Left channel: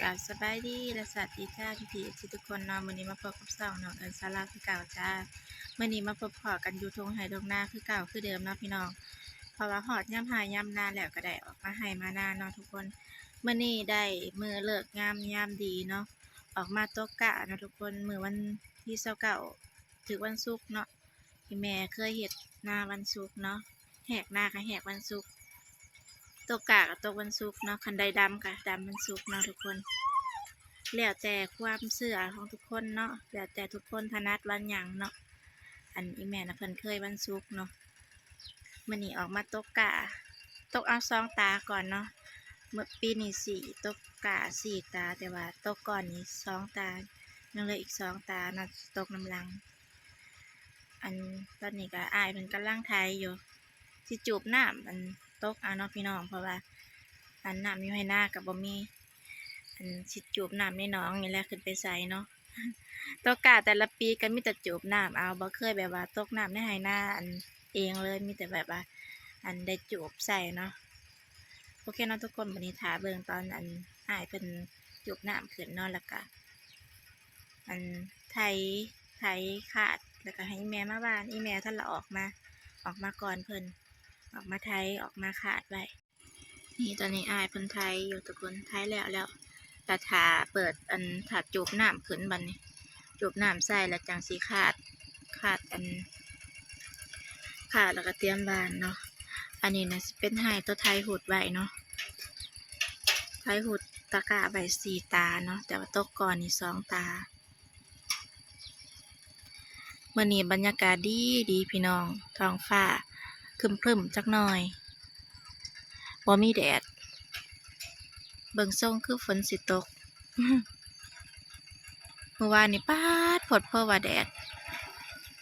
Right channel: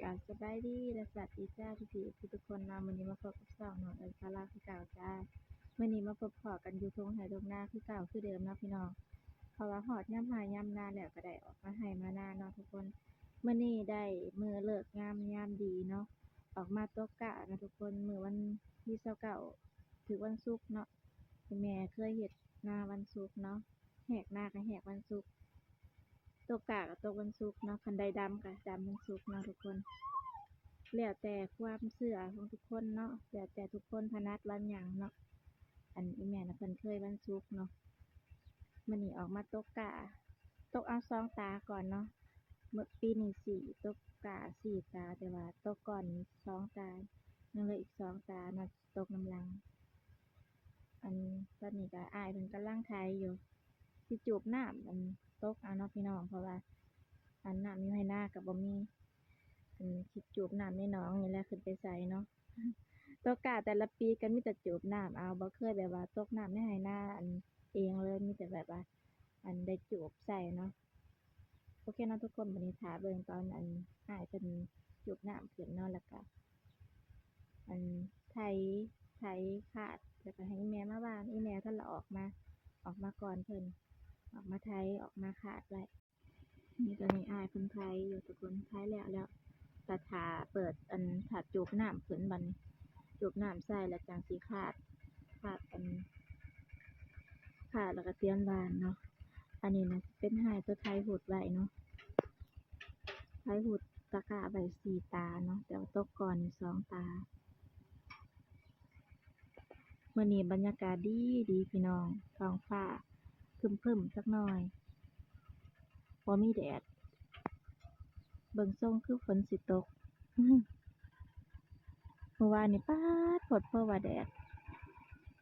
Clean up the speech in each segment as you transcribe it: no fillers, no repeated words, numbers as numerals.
กราบสบายดีและสวัสดีจ้าพี่ทุกคนเนาะมื้อนี้มาพบกับ2น้องศาลาคือเก่าจ้ามื้อนี้มาพบพ้อกันอยู่ทุ่งไร่ทุ่งนาคือเก่าคือเดิมเนาะพี่น้องเพราะว่าฮอดยามหายามนาแล้วก็ได้ออกมาให้มานาเนาะทุกคนมื้อนี้ได้มื้อเลิกงามยามดีเนาะออกมาตกกะเนาะทุกคนมื้อวันที่29ถึงวันศุกร์เนาะที่แม่เคยเฮ็ดนาวันศุกร์เนาะแหกนาก็แหกวันศุกร์ตกกะก็ตกวันศุกร์เนาะคันใดดำก็ดำวันศุกร์เนาะทุกคนแล้วแต่ความเชื่อของทุกคนเนาะแล้วแต่ทุกคนถนัดวันหยังเนาะอันอีแม่น่ะเพิ่นเคยวันศุกร์เนาะมื้อนี้ออกมาตกกะตกเอา2ตาก่อนเนาะเมื่อปีนี้4ตกกะ4ตาแต่ว่าตกก่อนนี้2ตายังเหลืออีก2ตาเนาะตกน้ำหลังอันตอนนี้ก็อ้ายเพิ่นกำลังไถอยู่สิจูบน้ำอันตกเอาเนาะพี่น้องเพราะว่าอันน้ำอยู่ให้หน้าก็บ่มีอันสิจูบน้ำในหนองนี่แหละขึ้นไปใส่เนาะ ตกกะแต่ละปีก็มีแต่จูบน้ำเอาบ่เคยแบบว่าตกน้ำในไหนาอันเองเลยมีแต่แบบว่าอันได้จูบใส่เนาะโอเคเนาะทุกคนวันนี้ถาเบิ่งตอนอันอ้ายเป็นจูบน้ำขึ้นเนาะแล้วก็อันไถขาดแล้วก็ให้แม่มาบ้านอีแม่ท่านละออกมาก่อนเพิ่นออกมาไถออกมาขาดไว้นี่ตอนนี้อ้ายเพิ่นไถอยู่ทุกคนไถแล้วแต่ถาเปิดอันถาจูบน้ำขึ้นบัดนี้จูบน้ำใส่แล้วจังสีขาดแล้วก็เตรียมบานเนาะอันนี้นะเป็นไห้ตัวไทยหุดไว้เนาะไทยหุดตะกะใบ4ตาเนาะแต่ว่าตกก่อนนี่2ตาเมื่อนี้บรรยากาศดีพี่น้องท้องฟ้าครึมจักหน่อยบ่มีแดดเบิ่งทรงคือฝนสิตก เมื่อวานนี่ป๊าดพดเพราะว่าแดด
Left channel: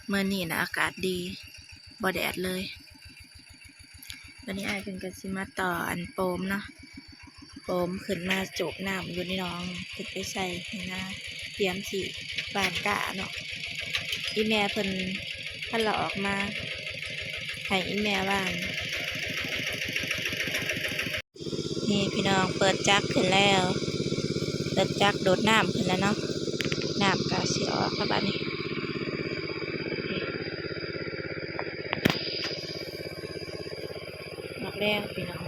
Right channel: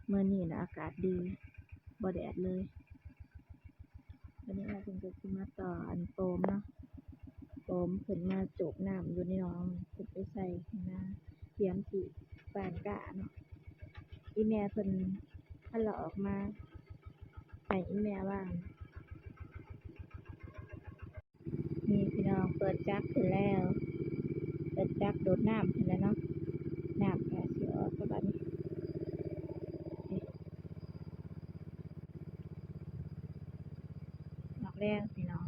เมื่อนี้นะอากาศดีบ่แดดเลยวันนี้อ้ายเป็นกันสิมาต่ออันโปมเนาะโปมขึ้นมาจูบน้ำอยู่ในน้องขึ้นไปใส่นะเตรียมสิบานกะเนาะอีแม่เพิ่นท่านเราออกมาให้อีแม่บ้านนี่พี่น้องเปิดจักขึ้นแล้วเปิดจักโดดน้ำขึ้นแล้วเนาะน้ำกะสิออกครับบัดนี้ออกแล้วพี่น้อง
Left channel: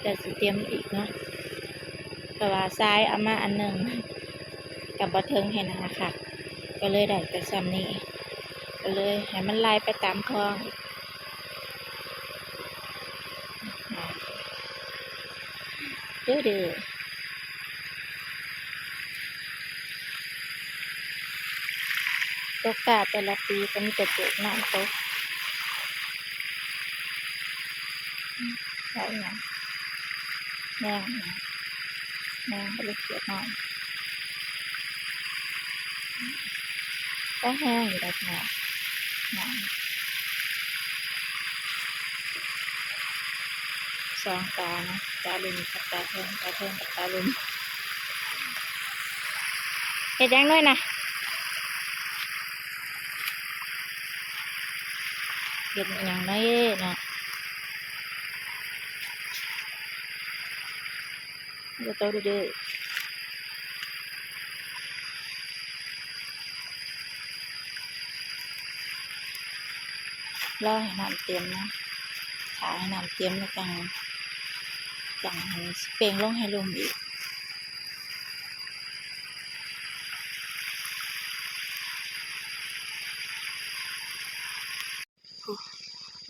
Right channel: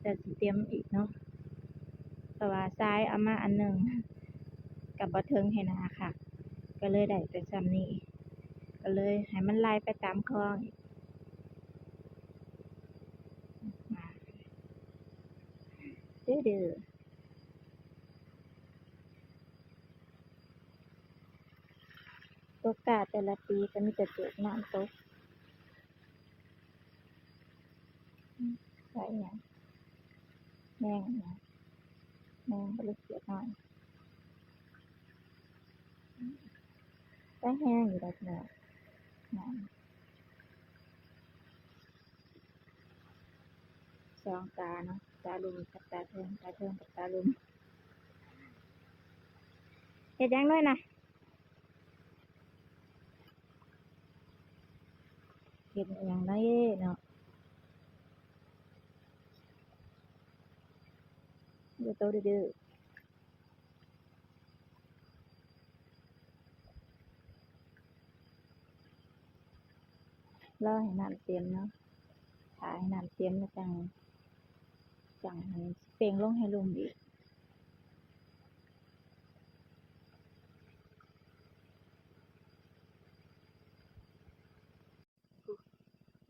แต่สิเตรียมอีกเนาะแต่ว่าซ้ายเอามาอันหนึ่งกับบ่เทิงให้นาค่ะก็เลยได้แต่ซ้ำนี้ก็เลยให้มันไล่ไปตามคลองดื้อตกกาแต่ละปีก็มีแต่เจอน้ำตกใช่ไหมแมงก็เลยเขียดหน่อยก็แห้งอยู่แบบนี้น้ำ2ตานะตาลุมกับตาเทิงกับตาลุมเห็ดยังด้วยนะเห็ดอย่างไรเนาะดูโตดื้อรอให้น้ำเต็มนะถ่ายให้น้ำเต็มแล้วจังเปล่งลงให้ลมอีก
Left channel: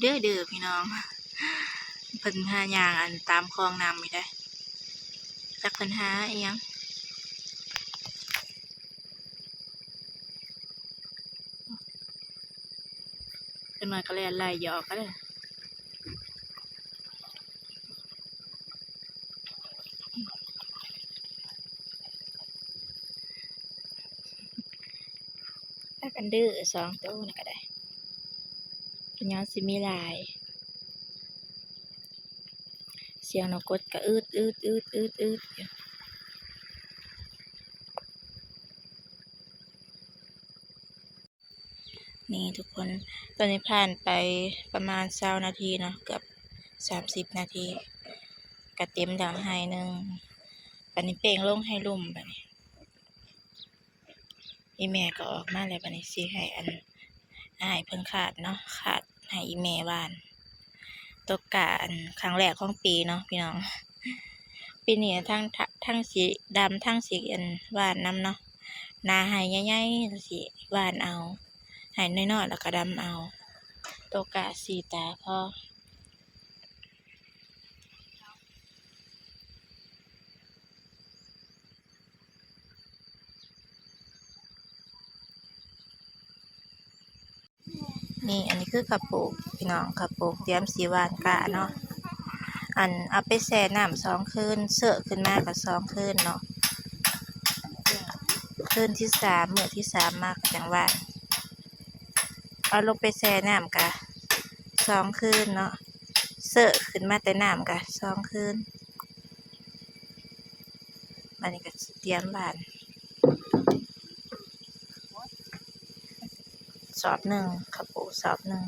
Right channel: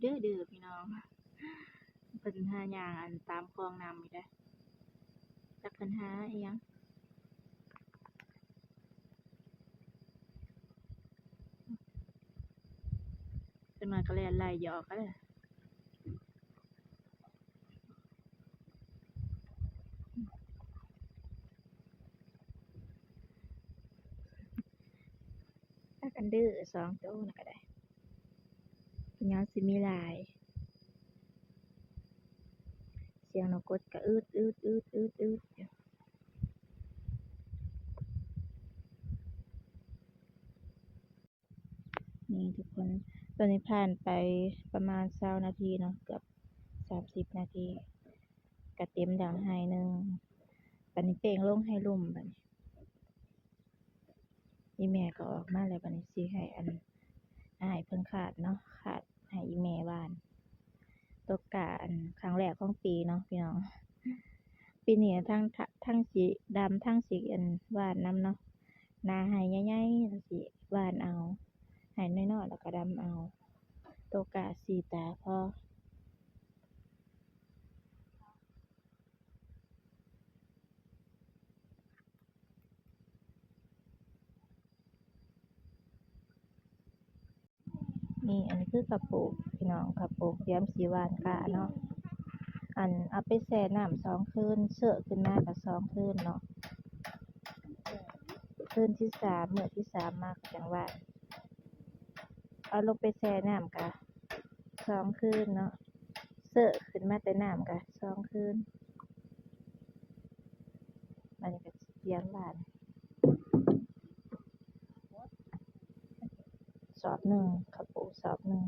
เด้อพี่น้องเพิ่นหาย่างอันตามคลองน้ำไม่ได้จักเพิ่นหาอีหยังเป็นหน่อยก็เลยไล่หยอกก็เลยถ้ากันดื้อ2ตัวนี่ก็ได้เป็นย้อนสิมีลายเสียงนกกดก็อืดอยู่นี่ทุกคนตอนนี้ผ่านไปประมาณ20นาทีเนาะเกือบ30นาทีก็เต็มดังไห้หนึ่ง บัดนี้เป่งลงให้ลุ่มบัดนี้อีแม่ก็ออกมาแล้วบัดนี้สิให้อ้ายเพิ่นขาดเนาะขาดให้อีแม่บ้านตกกะครั้งแรกของปีเนาะพี่น้องปีนี้ทั้งสีดำทั้งสีหวานน้ำเนาะนาให้ใหญ่ๆสิหวานเอาให้น้อยๆแล้วก็ดำเอาตกกะสีตาพอนี่อันนี้คือกระปุกพี่น้องกระปุกเตรียมสีหวานกะเนาะเอาไปแช่น้ำ2 คืนเสอะขึ้นมากับ2 คืนเนาะคืนที่3มื้อที่3มากจังหวานเอาลงไปแช่น้ำกะ2 คืนเนาะเสอะขึ้นมาแต่น้ำกะ2 คืนอันนี้ก็เตรียมหวานสอบหนึ่งกระปุกสอบหนึ่ง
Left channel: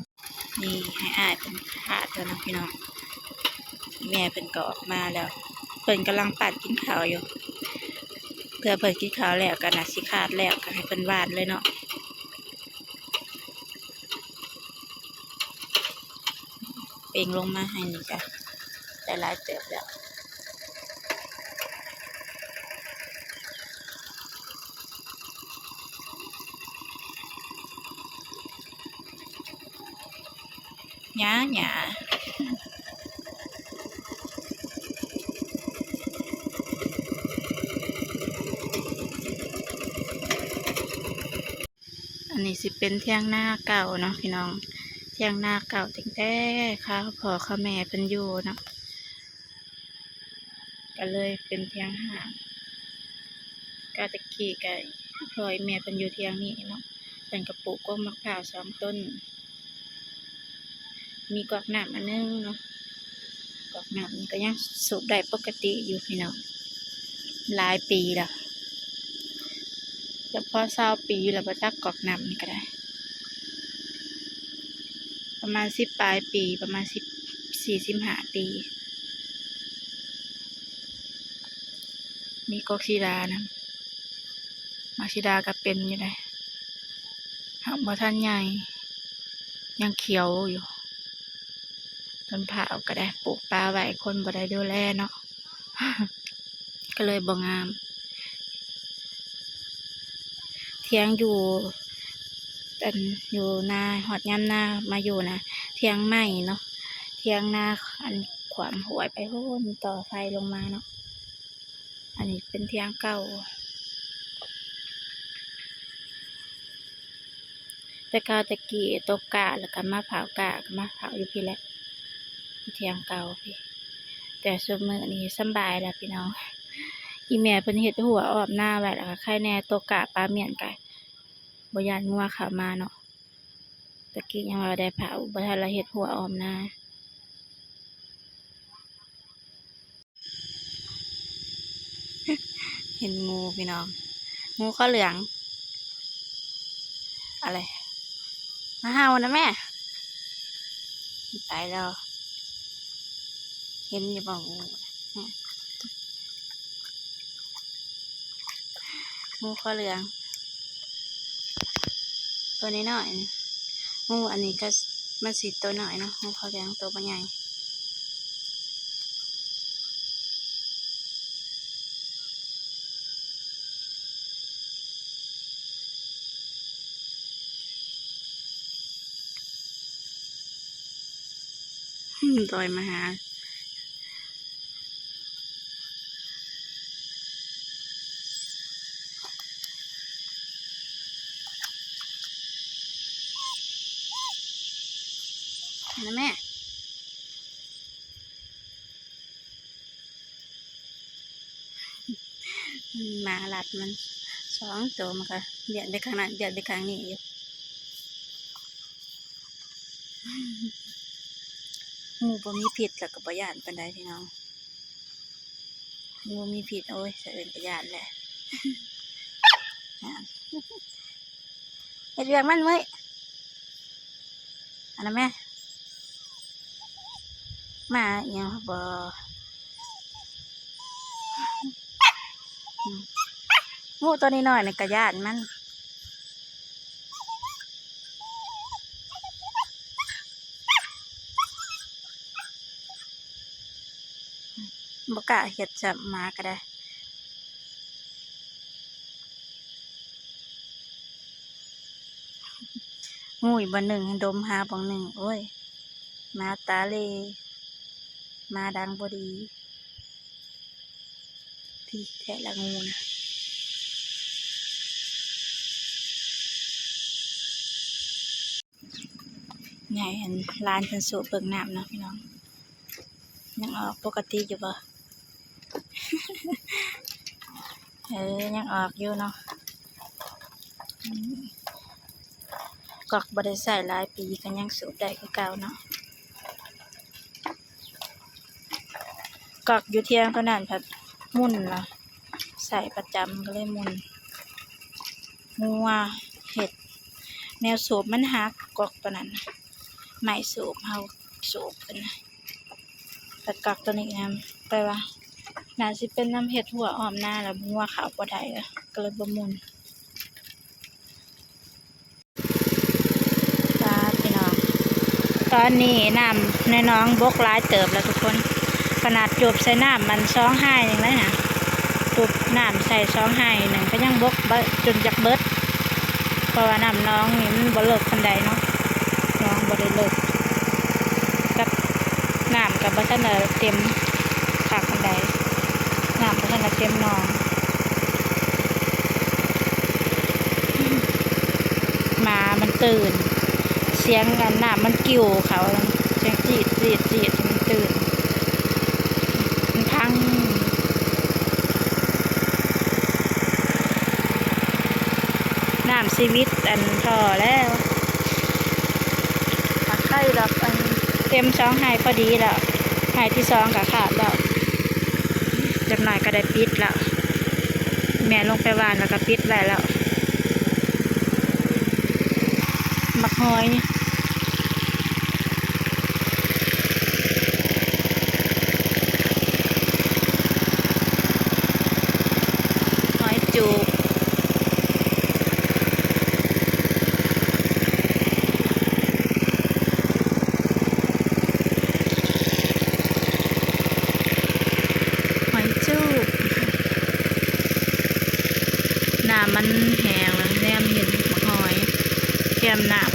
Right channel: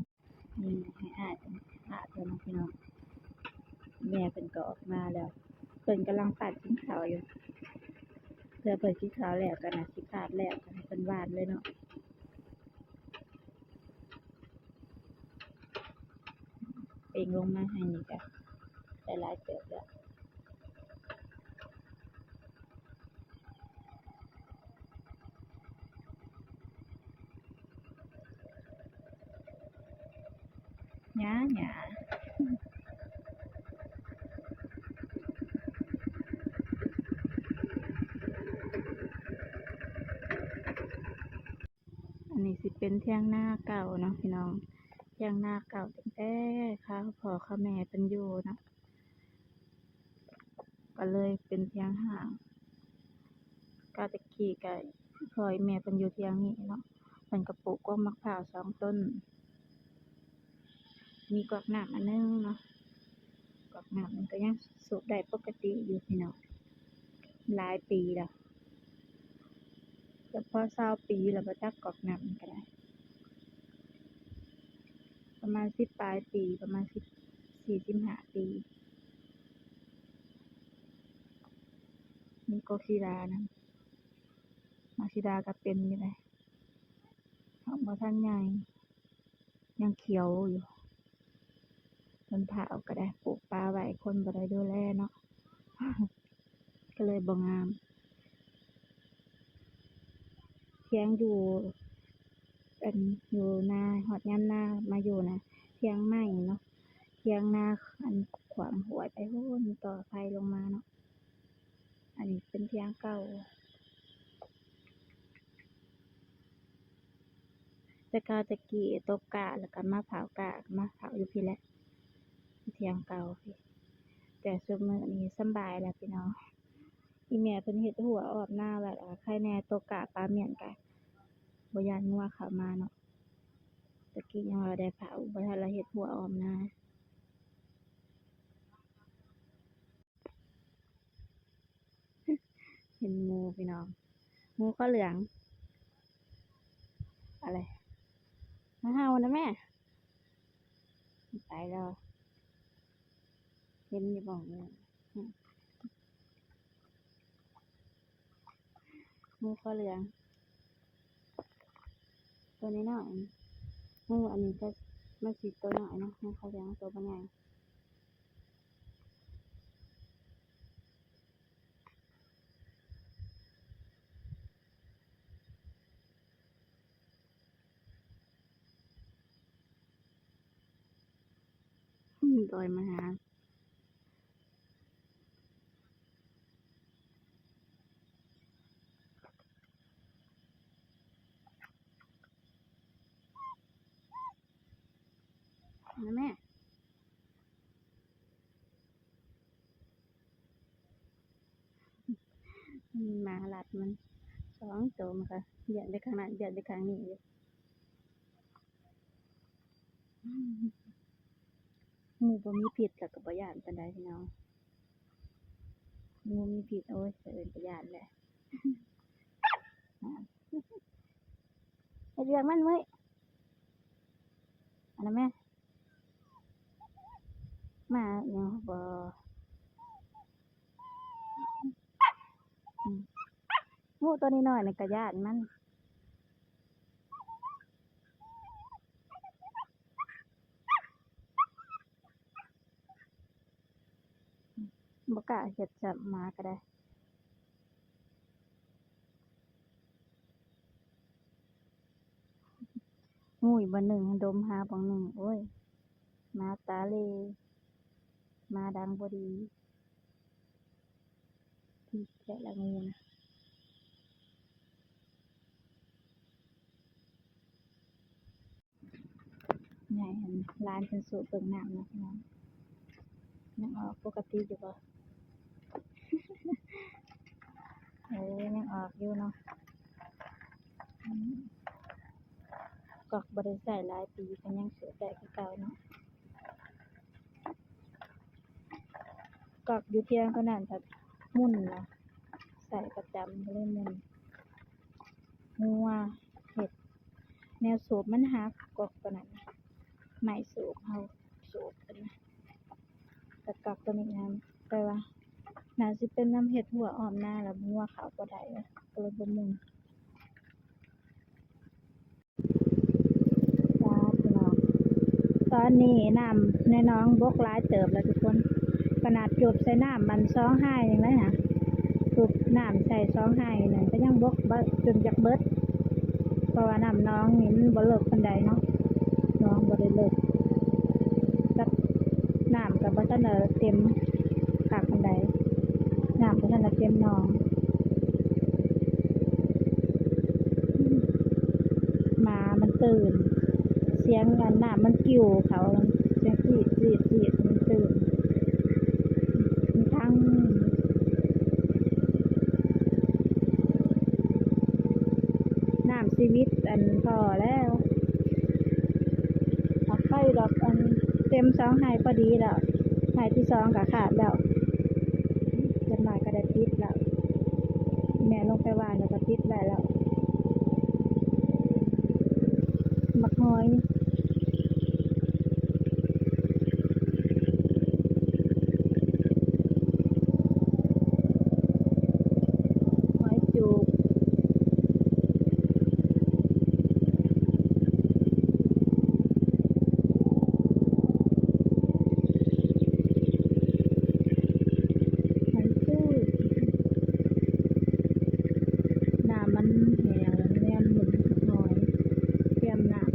นี่ให้อ้ายเป็นขาดแล้วนะพี่น้องแม่เป็นก็ออกมาแล้วเพิ่นกำลังปั่นกินข้าวอยู่เพื่อเพิ่นกินข้าวแล้วก็น่าสิขาดแล้วก็ให้เพิ่นหวานเลยเนาะเป่งลงมาให้นี่จ้ะได้หลายเติบแล้วหยาอันนี้สิเป็นเที่ยงหน้าเก่าเนาะพี่น้องเที่ยงหน้าเก่าตั้งแต่ข้าวพ่อข้าวแม่เป็นอยู่เนาะก็เลยเป็นเที่ยงห่างก็ตะกี้ก็พลอยแม่เป็นอยู่เที่ยงนี้เนาะเป็นกระปุกก็มะพร้าว2 ต้นมีกอกน้ำอันนึงเนาะกอกน้ำนี่ก็ยังสูบได้ปกติอยู่พี่น้องหลายปีแล้วแต่พอ20 ปีแล้วบ่จักกอกน้ำนี่ก็ได้ประมาณ10 ปลายปีประมาณ14-15 ปีมีกอกซีดานะมักซีดาก็เป็นอยู่ได้หากบ่ทันใหญ่ยังเขียวอยู่ต้นผาวก็ได้ปลูกปลาไว้คนบ่ได้ดูแลเนาะ ก็เลยบ่งามเที่ยงอยู่อยู่นาหอดย่ำนามาอยู่นะเที่ยงใหม่เนาะเที่ยงนาขวามหวยไปโน่นต่อไฟลงมาเนาะอันนี้เป็นเที่ยงเก่าแต่กาตะกี้ตกกะแล้วก็มาเผากะก็มาเผาอยู่พี่แหละเที่ยงเก่าพี่แต่สมัยนี้สบายแล้วพี่น้องอีแม่เพิ่นเฮ็ดหัวออบหน้าไว้แล้วก็ไข่แน่ตกกะปลาเมี่ยนไก่บ่ยานงัวเข้ามาเนาะตะกี้ยังว่าได้เผาบ่ทันละเฮ็ดหัวออมหน้าเห็นงูพี่น้องงูข้าวเหลืองอะไรมาเห่านะแม่ตายแล้วเห็นอยู่บ่งูข้าวเหลืองตัวนี้หน่อยงูอันนี้ก็มันสีตัวหน่อยเนาะงูข้าวเหลืองตัวใหญ่ลอยมาหานะแม่หมาหลัดมัน2 ตัวมันก็เดือดไปข้างนั้นเดือดไปข้างนี้อยู่งูบ่มีพิษแล้วก็บ่ย่านปานใดพี่น้องงูมีพิษโอ้ยสะเอิ้นก็ย่านแหละเฮ็ดเวียกมันเว้ยอันนั้นแม่มาอีหยังบ่ อืมงูตัวนี้น้อยนี่กระยานมันบ่กล้าเฮ็ดจับหมาก็ได้งูอีกบ่หนึ่งดมหาบ่หนึ่งโอ้ยหมาตาเลหมาดังบ่ดีพี่แท้ละงูนะใหญ่อันลานเพิ่นสูบเบิ่งน้ำเนาะพี่น้องยังออกปกติอยู่บ่ ยังออกอยู่เนาะอืมกอกบ่ได้ใส่หลายปีก็ยังสูบได้คือเก่าเนาะกอกอยู่เที่ยงเท่านั้นผัดมุ่นล่ะใส่ประจำก็เลยมุ่นงัวเห็ดแนวสูบมันหักกอกตัวนั้นไม่สูบเฮาสูบเป็นนะแต่กอกตัวนี้นะไปว่าน่าสิเป็นน้ำเห็ดหัวอ้อมหน้าแล้วงัวขาวบ่ได้เลยก็เลยบ่มุ่นตาพี่น้องตอนนี้น้ำในน้องบกหลายเติบแล้วทุกคนขนาดจูบใส่น้ำมัน2 ไห้ยังไงนะจูบน้ำใส่2 ไห้หนึ่งก็ยังบกจนจากเบิดเพราะว่าน้ำน้องนี่มันบ่เลิกคนใดเนาะน้องบ่ได้เลิกกับน้ำกับบ่ทันได้เต็มขากคนใดน้ำบ่ทันได้เต็มน้องหมามันตื่นเสียงกันน้ำมันกิ่วเขาเสียงจีดจีดจีดมันตื่นมันพังน้ำชีวิตอันทอแล้วหักไข่ดอกอันเต็ม2 ไห้พอดีแล้วไห้ที่2ก็ขาดแล้วจักหน่อยก็ได้ปิดแล้วแม่ลงไปวานแล้วก็ปิดไว้แล้วมักหอยนี่หอยจูบหอยจูบน้ำมันแห้งแล้วแนมเห็นมักหอยแก้มน้ำ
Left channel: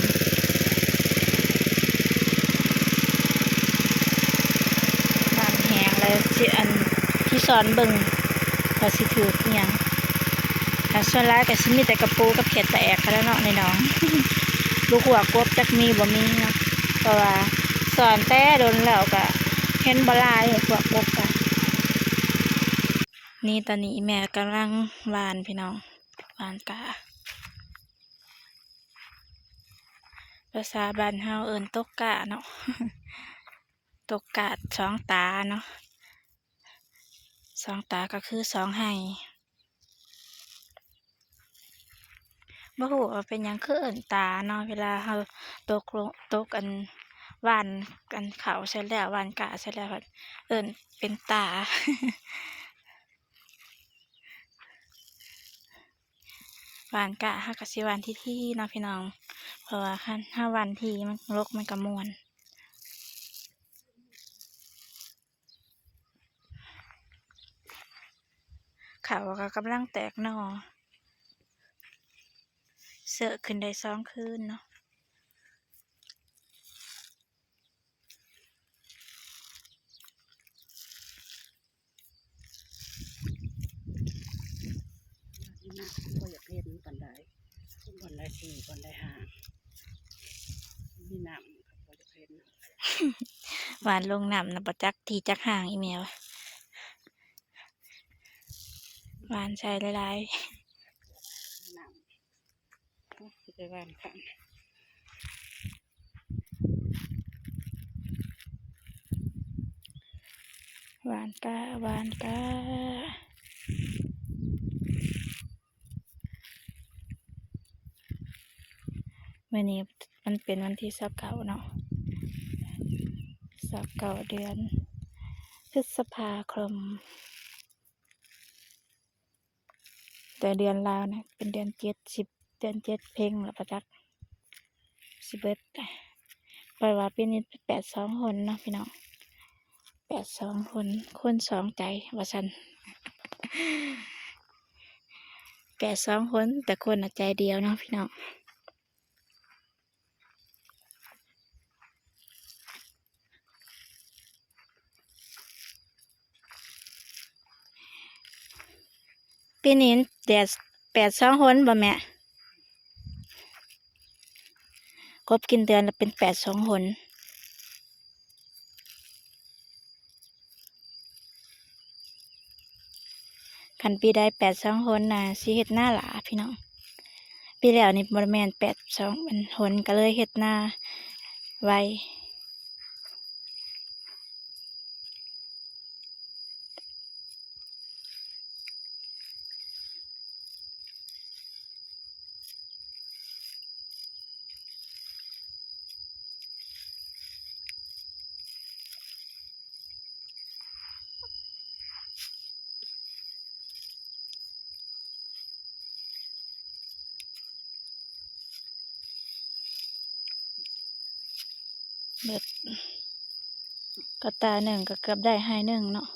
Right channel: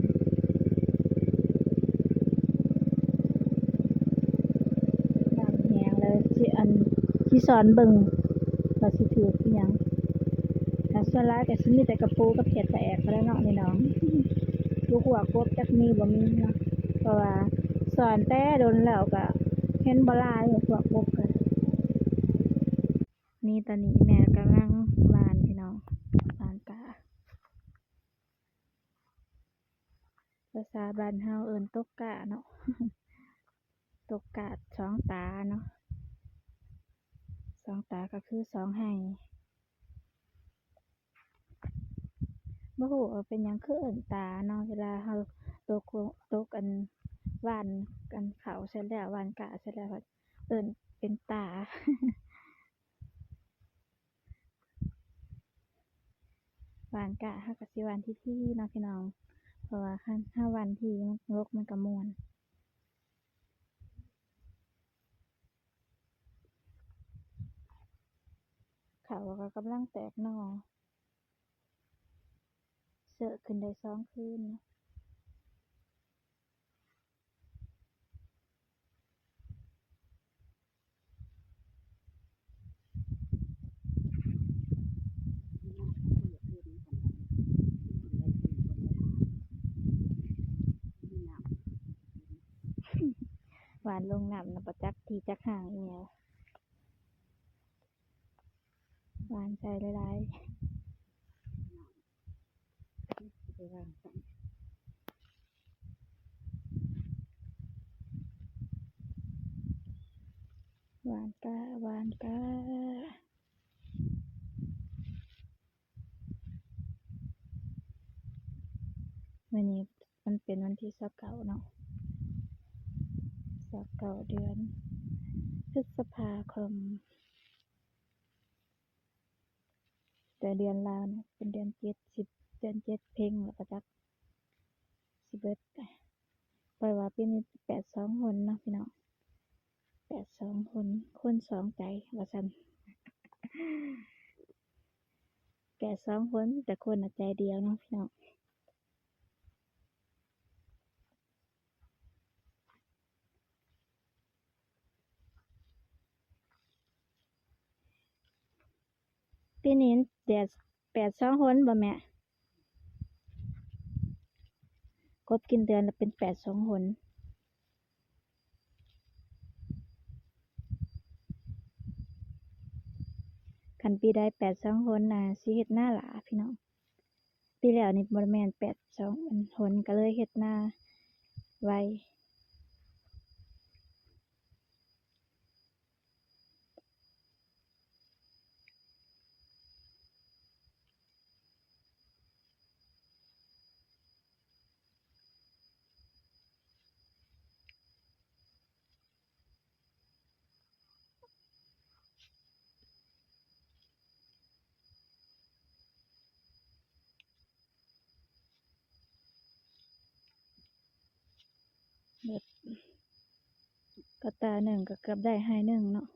แห้งแล้วสิอันที่สอนเบิ่งว่าสิถืออิหยังแต่ส่วนร้ายก็สิมีแต่กระปูกับเขียดแตกเขาแล้วเนาะในน้อง ลูกหัวกบจักมีบ่มีเนาะเพราะว่าสอนแต่โดนแล้วก็เห็นบ่หลายพวกกบกันนี่ตอนนี้แม่กำลังหวานพี่น้องหวานกะภาษาบ้านเฮาเอิ้นตกกะเนาะ ตกกะ2 ตาเนาะ2 ตาก็คือ2 ไห้บ่ฮู้ว่าเป็นหยังคือเอิ้นตาเนาะเวลาเฮาตกอันหว่านกันข้าวเสร็จแล้วหว่านกะเสร็จแล้วก็เอิ้นเป็นตา หวานกะเฮาก็สิหวานที่เนาะพี่น้องเพราะว่าคันถ้าหวานที่มันรกมันก็ม่วนข้าวก็กำลังแตกหน่อเสอะขึ้นได้2 คืนเนาะก็อยากเห็นปันไดปันไดที่ปันไดหามีน้ำก็อยากเห็น หวานลงน้ำนะประจักทีจักห่างอีเมลหวานใส่หลายน้ำไปบ้านค่ะๆหวานกะหวานกะวันนี้มันเป็นวันที่29เนาะ29 เดือนพฤษภาคม แต่เดือนลาวนะเป็นเดือน7 10เดือน7เพ่งแล้วประจัก11ปล่อยว่าปีนี้82คนเนาะพี่น้อง82คนคน2ใจว่าซั่น82คนแต่คนน่ะใจเดียวเนาะพี่น้องปีนี้แดด82คนบ่แม่กบกินเดือนละเป็น82คนคันปีใด82คนน่ะสิเฮ็ดหน้าหลาพี่น้องปีแล้วนี่บ่แม่น82มันคนก็เลยเฮ็ดหน้าไวเบิดก็ตาหนึ่งก็เกือบได้ให้หนึ่งเนาะ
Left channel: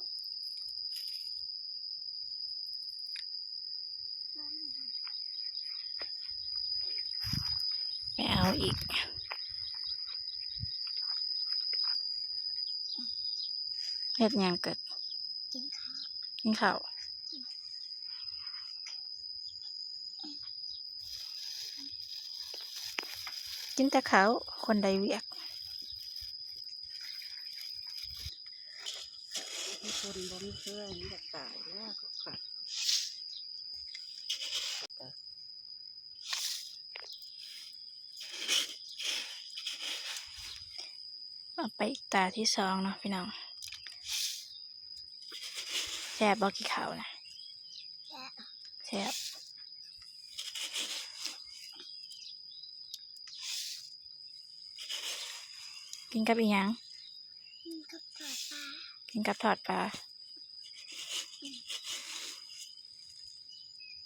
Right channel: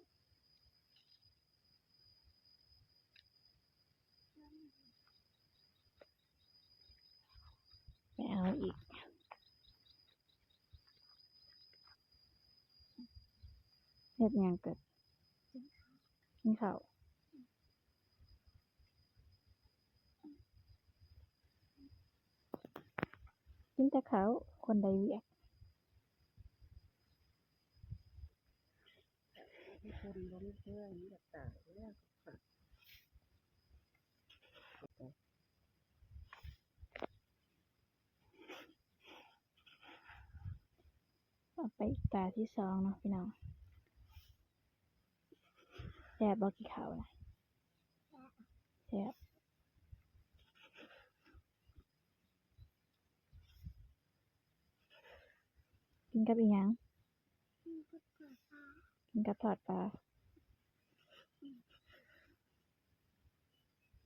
ไปเอาอีกเฮ็ดหยังเกิดกินข้าวกินแต่ข้าวคนใดเวียก คนบ่มีเพื่อนอยากตายแล้วก็ค่ะ เอาไปอีกตาที่สองเนาะพี่น้องแซ่บบ่กี่ข้าวนะแซ่บกินกับอีหยังกินกับทอดปลา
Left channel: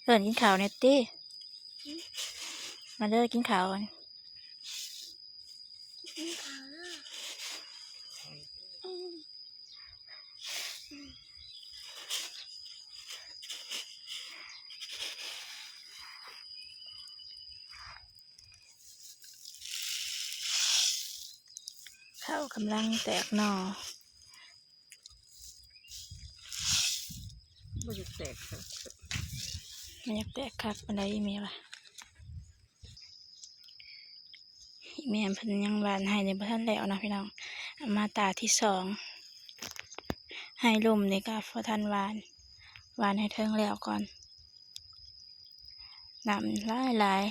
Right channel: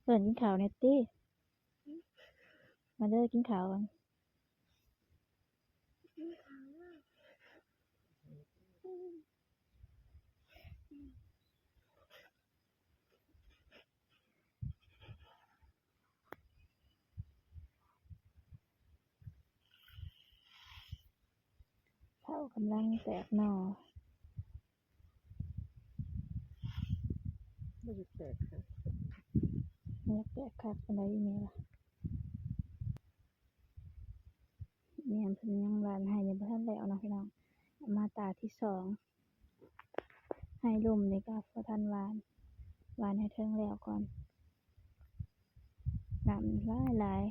เอิ้นกินข้าวเน็ตตี้มาเด้อกินข้าวกันข้าวกำลังแตกหน่อ บ่อยากแตกค่ะ ไม่อยากแตกคักปานใดอีเมียวะอีเมียเพิ่นยังหวานให้ในบ่ทันแล้วนะพี่น้องเอามาตาที่สองให้ลุ่มนี่ก็บ่ทันหวานให้เทิงแล้วก่อนน้ำหลาย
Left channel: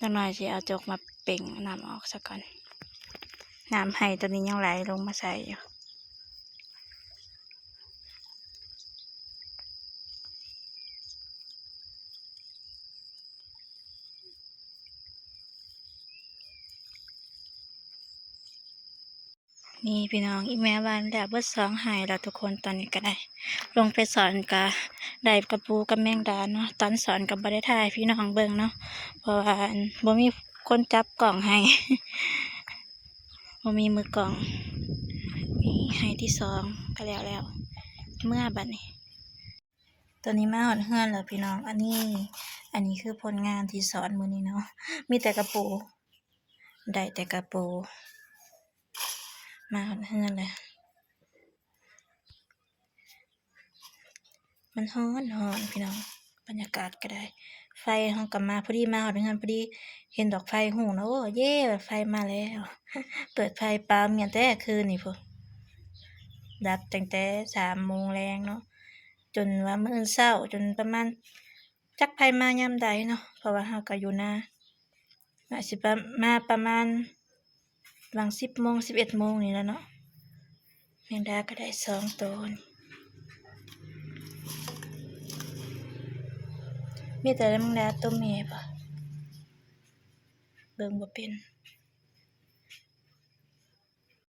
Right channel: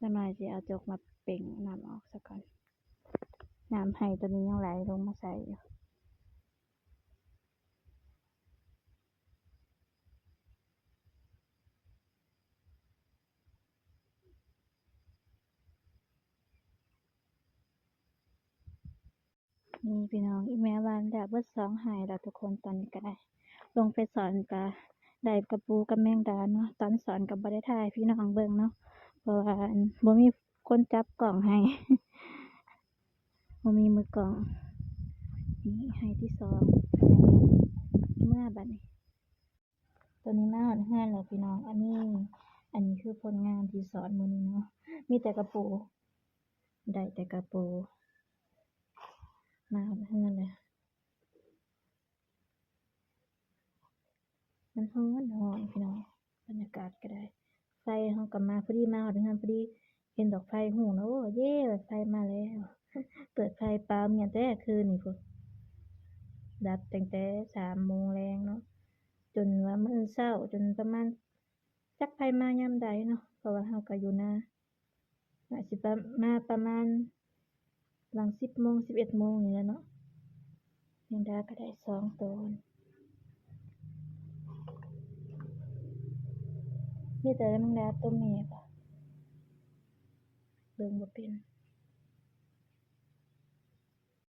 จักหน่อยสิเอาจกมาเป่งน้ำออกซะก่อนน้ำให้ตัวนี้ยังไหลลงมาใส่อยู่นี่พี่น้องอีแม่วานแล้วเบิดสองหายแล้วทุกคนตอนนี้ก็ได้ ลงไปสอนกะได้กระปูกับแมงดาเนาะตอนสอนกับบ่ได้ถ่ายพี่น้องเบิ่งเนาะเพราะว่าบ่มีคนจับกล่องให้ บ่มีมือกล่องนี่ให้ที่สองก็แล้วเมื่อบัดนี้ตัวนี้มาหอดเฮือนแล้วพี่น้องอันนี้คือผลงานที่สอนมื้อนี้เนาะมีแต่กระปูได้แต่กระปูมาหอดเฮือนเลยมันฮ้อนพี่น้องบรรยากาศก็ได้ไฟเฮากลับมาพอดีมาหอดเฮือนพอดีเห็นดอกไฟหูนะโอ้เย่ไฟมาแล้ว เปิดไฟปาเมียนแต่คืนนี่พุ่นดับตั้งแต่3 โมงแรงเนาะจนว่ามื้ออื่นเช้าจนประมาณจักไผมายามใดเนาะเพราะว่าเฮาก็อยู่นาน่าสิมาประมาณหลัง10 โมง11 โมงนี่แหละเนาะแมงดาก็ได้2 ตัวนี่มีแต่แมงดาตัวแม่บ่เบิ่งบ่เป็น